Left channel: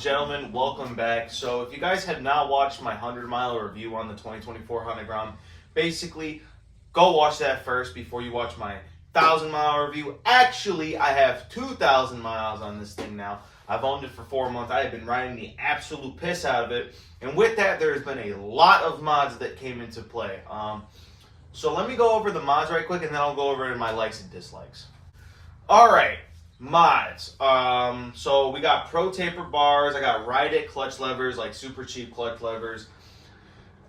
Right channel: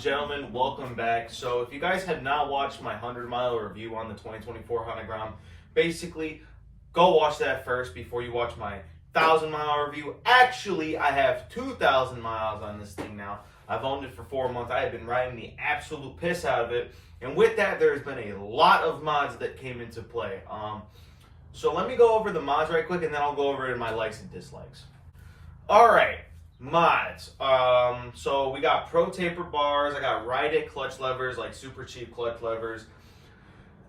and gentlemen, welcome back. So if you guys have not watched my 100-mile review on the 2024 Honda Grom, basically go watch that first before you watch my 1,000-mile review. Actually, I have 2,000 miles on this thing now. I've owned it for 4 months. I have been riding the absolute piss out of it. And with that, there's been a lot of mods that came into play. So let me go over the mods right quick, and then I'll go over my likes and dislikes. Alright, mods. So we got ProTaper bars. I got ride-it clutch levers, like super cheap clutch levers.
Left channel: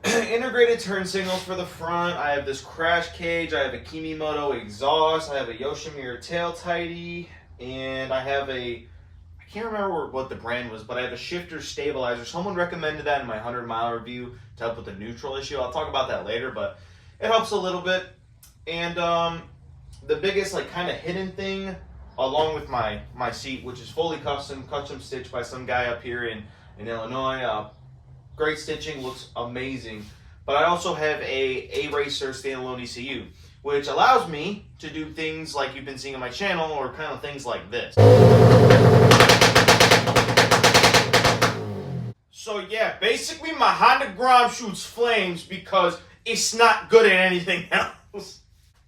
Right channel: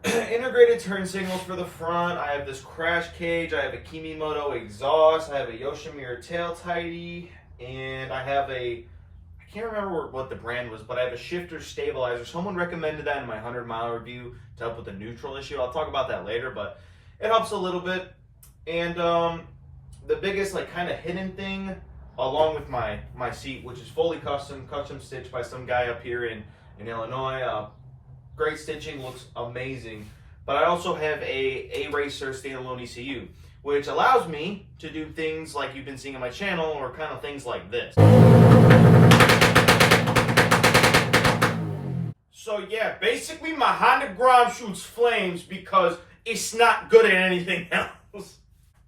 Integrated turn signals for the front. I have this crash cage. I have a Kemi Moto exhaust. I have a Yoshimura tail tidy. And I have I can't remember what the brand was, but I have a shifter stabilizer. Someone recommended that in my 100-mile review to help with the neutral issue. I'll talk about that later, but it helps a little bit. And the biggest kind of hidden thing, along with my seat, which is fully custom stitched by some guy up here in Illinois. Great stitching, looks amazing. But I also have a ARacer Standalone ECU, which allows me to do things like you've been seeing on my channel, or kind of things like this. So yeah, basically my Honda Grom shoots flames because it's not good at anything else.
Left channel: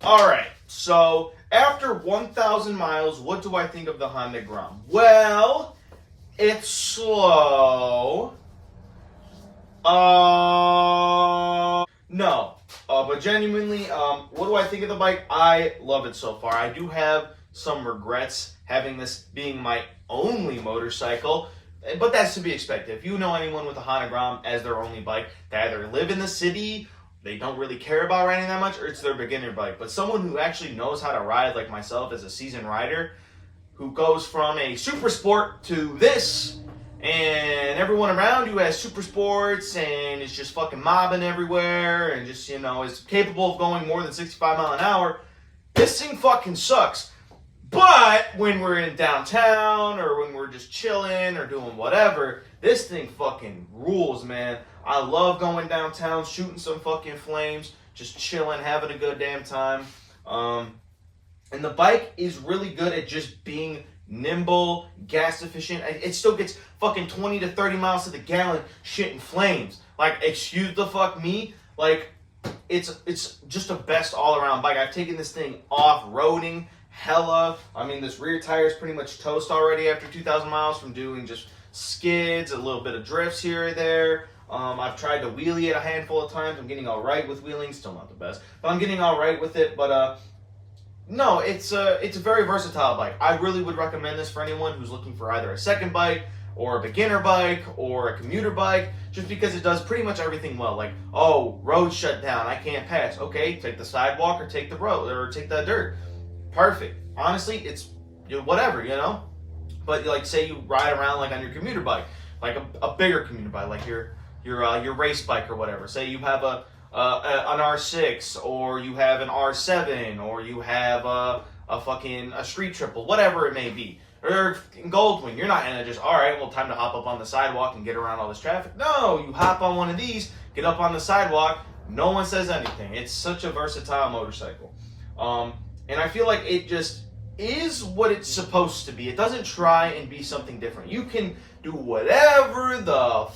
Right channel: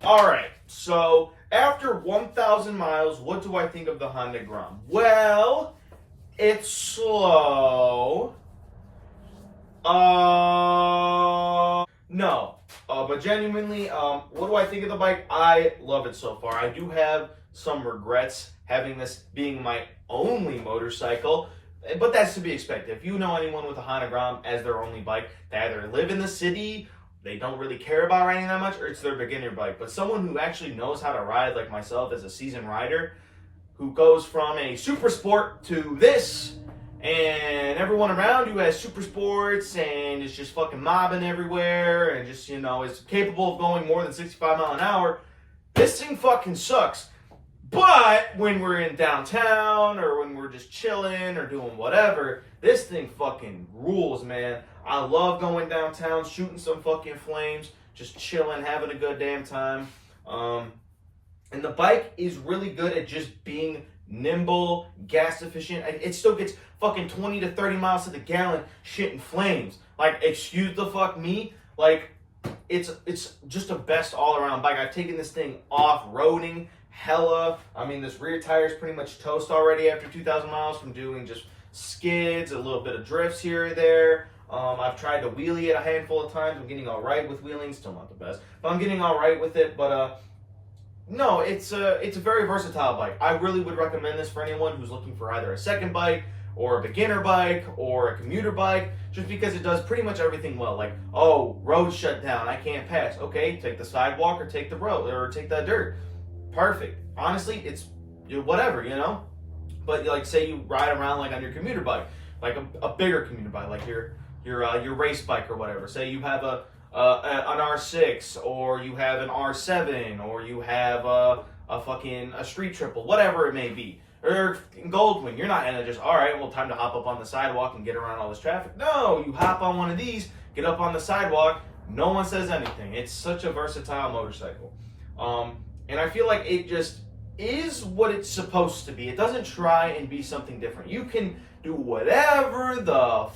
Alright, so after 1,000 miles, what do I think of the Honda Grom? Well, it's slow. No. But genuinely, what do I think of the bike? I love it so far. I do have some regrets having this being my only motorcycle, but that's to be expected. If you know anyone with a Honda Grom as their only bike, they either live in the city, they don't really care about riding that much, or it's their beginner bike. But someone who actually knows how to ride, like myself as a seasoned rider, who goes from a super sport to this, and everyone around you has super sports and is just fucking mobbing everywhere and just, is capable of going more than 65 miles an hour, this thing fucking sucks. But when we're in downtown or when we're just chilling or doing whatever, this thing fucking rules, man. I love going downtown, shooting some fucking flames, just chilling, having a good damn time. And the bike is really good at just being nimble, gas efficient. It still gets fucking 20 to 30 miles to the gallon, shitting flames. Excuse the fuck me. It's just a best all-around bike. I've taken this thing off-roading hella. I mean, this rear tire is pretty much toast already after 2,000 miles from doing just skids, a little bit of drifts here or there. I've tried to wheelie it a handful of times. I'm getting all right with wheeling. Still not the best, but I'm getting all right with it. But no, it's a very versatile bike. I really would recommend this for anyone who's looking for either a second bike or a beginner bike or a commuter bike, just because it does pretty much everything well. Road shut down, I can't pass. Okay, take the sidewalk or take the road or take the dirt. Perfect. Honestly, it's whatever, But say you ride around on your commuter bike, a bigger commuter bike, like your race bike or whatever. Say you have an R6, or you have an R7, or you have a street triple, whatever it may be. Or in Goldwing, you're not gonna just, alright, well, time to hop up on the sidewalk and get around all this traffic. No, you hop on one of these, get up on the sidewalk, no one says anything. It's such a versatile motorcycle. And I feel like it just is what it's supposed to be. It doesn't try and be something different. You can do whatever the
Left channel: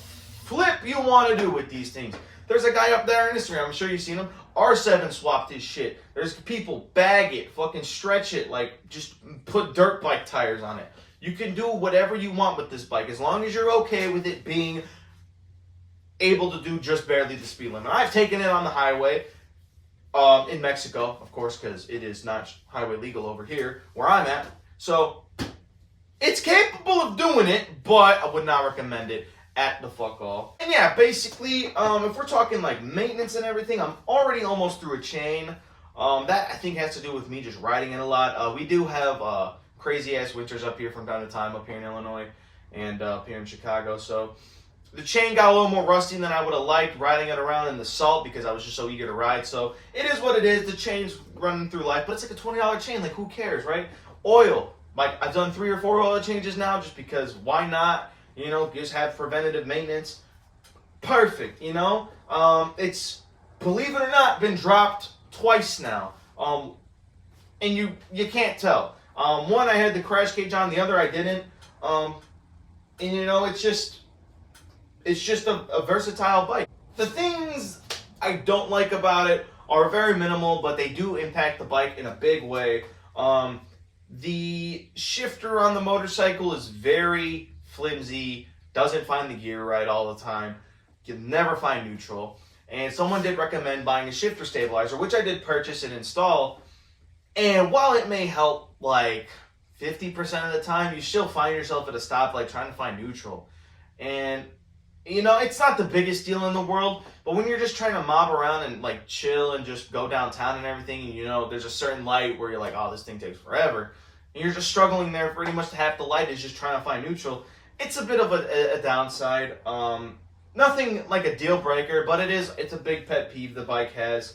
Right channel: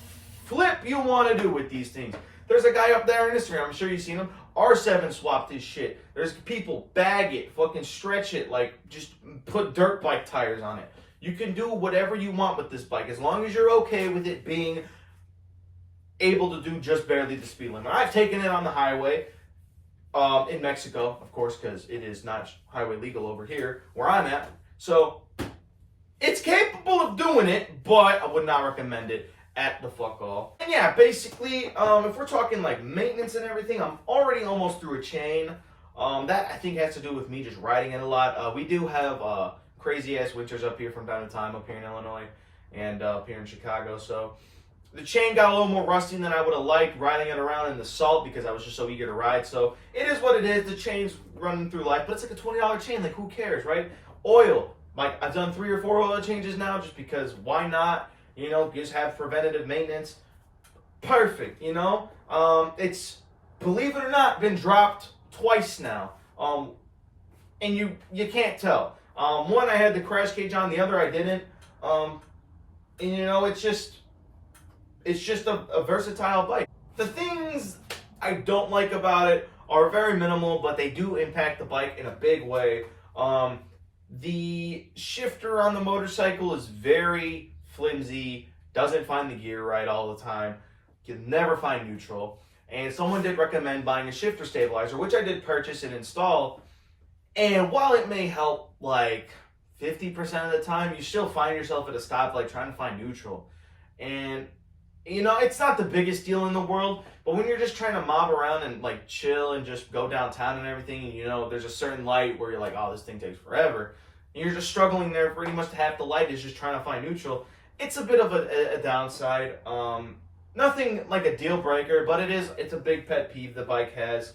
flip you want to do with these things. There's a guy up there on Instagram, I'm sure you've seen him, R7 swapped his shit. There's people bag it, fucking stretch it, just put dirt bike tires on it. You can do whatever you want with this bike, as long as you're okay with it being able to do just barely the speed limit. I've taken it on the highway, in Mexico, of course, because it is not highway legal over here, where I'm at. So, it's capable of doing it, but I would not recommend it at the fuck all. And yeah, basically, if we're talking maintenance and everything, I'm already almost through a chain. That I think has to do with me just riding it a lot. We do have crazy ass winters up here from time to time up here in Illinois and up here in Chicago. So the chain got a little more rusty than I would have liked riding it around in the salt, because I was just so eager to ride. So it is what it is. The chain's running through life, but it's a $20 chain. Who cares, right? Oil. I've done 3 or 4 oil changes now, just because why not? Just have preventative maintenance. Perfect, It's, believe it or not, been dropped twice now. And you can't tell. One, I had the crash cage on, the other I didn't. And you know, it's just a versatile bike. The things I don't like about it are very minimal, but they do impact the bike in a big way. The shifter on the motorcycle is very flimsy, doesn't find the gear right all the time. You can never find neutral. And someone did recommend buying a shifter stabilizer, which I did purchase and install. And while it may help like 50% of the time, you still find yourself at a stoplight trying to find neutral. And you know, it's not the biggest deal in the world, but when you're just trying to mob around and like chill and just go downtown and everything, and you know, there's a certain light where you're like, oh, this thing takes forever, and you're just struggling there pretty much half the light is just trying to find neutral. It's a bit of a downside. Nothing like a deal breaker, but it's a big pet peeve the bike has.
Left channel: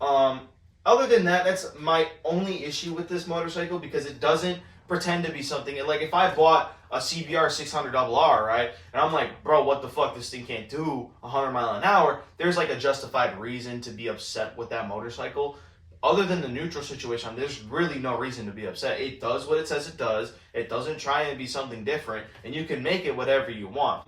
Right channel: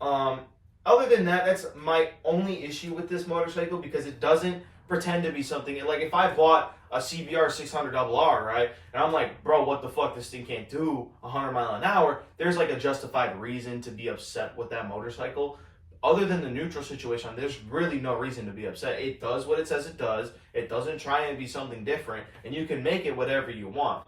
Other than that, that's my only issue with this motorcycle, because it doesn't pretend to be something. Like if I bought a CBR 600RR, right, and I'm like, bro, what the fuck, this thing can't do 100 miles an hour, there's like a justified reason to be upset with that motorcycle. Other than the neutral situation, there's really no reason to be upset. It does what it says it does. It doesn't try and be something different, and you can make it whatever you want.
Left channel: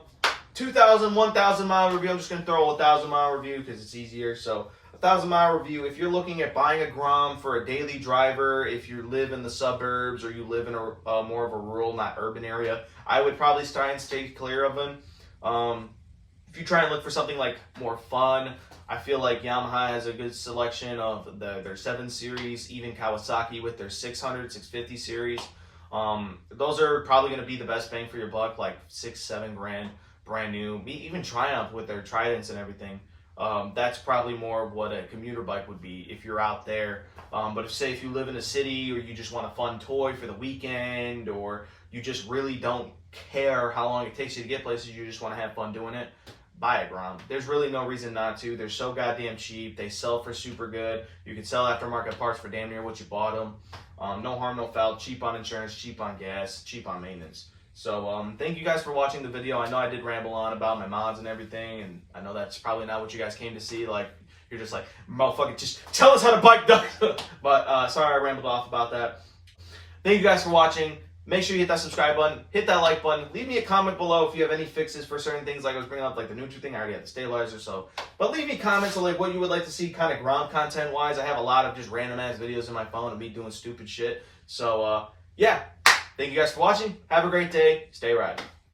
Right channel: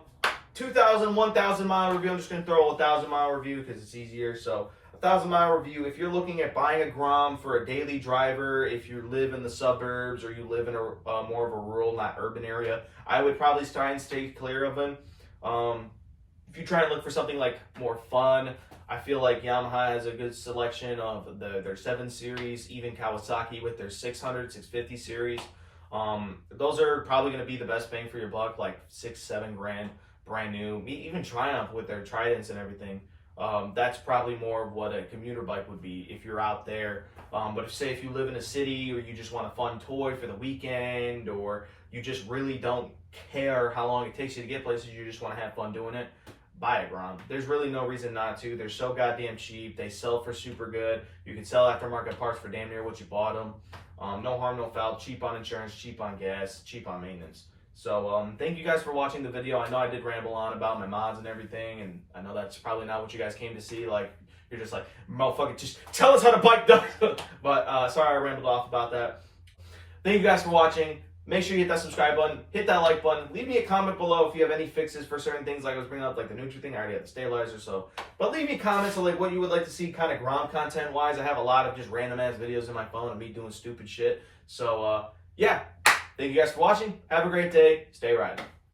2,000, 1,000 mile review. I'm just going to throw a 1,000 mile review because it's easier. So 1,000 mile review. If you're looking at buying a Grom for a daily driver, if you live in the suburbs or you live in a more of a rural, not urban area, I would probably try and stay clear of them. If you try and look for something like more fun, I feel like Yamaha has a good selection of their 7 series, even Kawasaki with their 600, 650 series. Those are probably going to be the best bang for your buck, like 6-7 grand, brand new. Even Triumph with their Tridents and everything. That's probably more of what a commuter bike would be if you're out there. But if you live in a city, or you just want a fun toy for the weekend, or you just really don't care how long it takes you to get places, you just want to have fun doing it, buy a Grom. There's really no reason not to. They're so goddamn cheap. They sell for super good. You can sell aftermarket parts for damn near what you bought them. No harm, no foul. Cheap on insurance, cheap on gas, cheap on maintenance. So thank you guys for watching the video. I know I did ramble on about my mods and everything, and I know that's probably not what you guys came to see. Like, you're just like, motherfucker, just tell us how to bike does. But sorry I rambled off about that. Thank you guys for watching. Make sure you hit that subscribe button, hit that like button. Leave me a comment below if you have any fixes for certain things, like I was bringing up, like the neutral thing. I already had the stabilizer, so. But leave me comments of like what you would like to see kind of Grom content-wise. I have a lot of just random-ass videos in my phone of me doing stupid shit. So, yeah. Thank you guys for watching. Have a great day. Stay riding.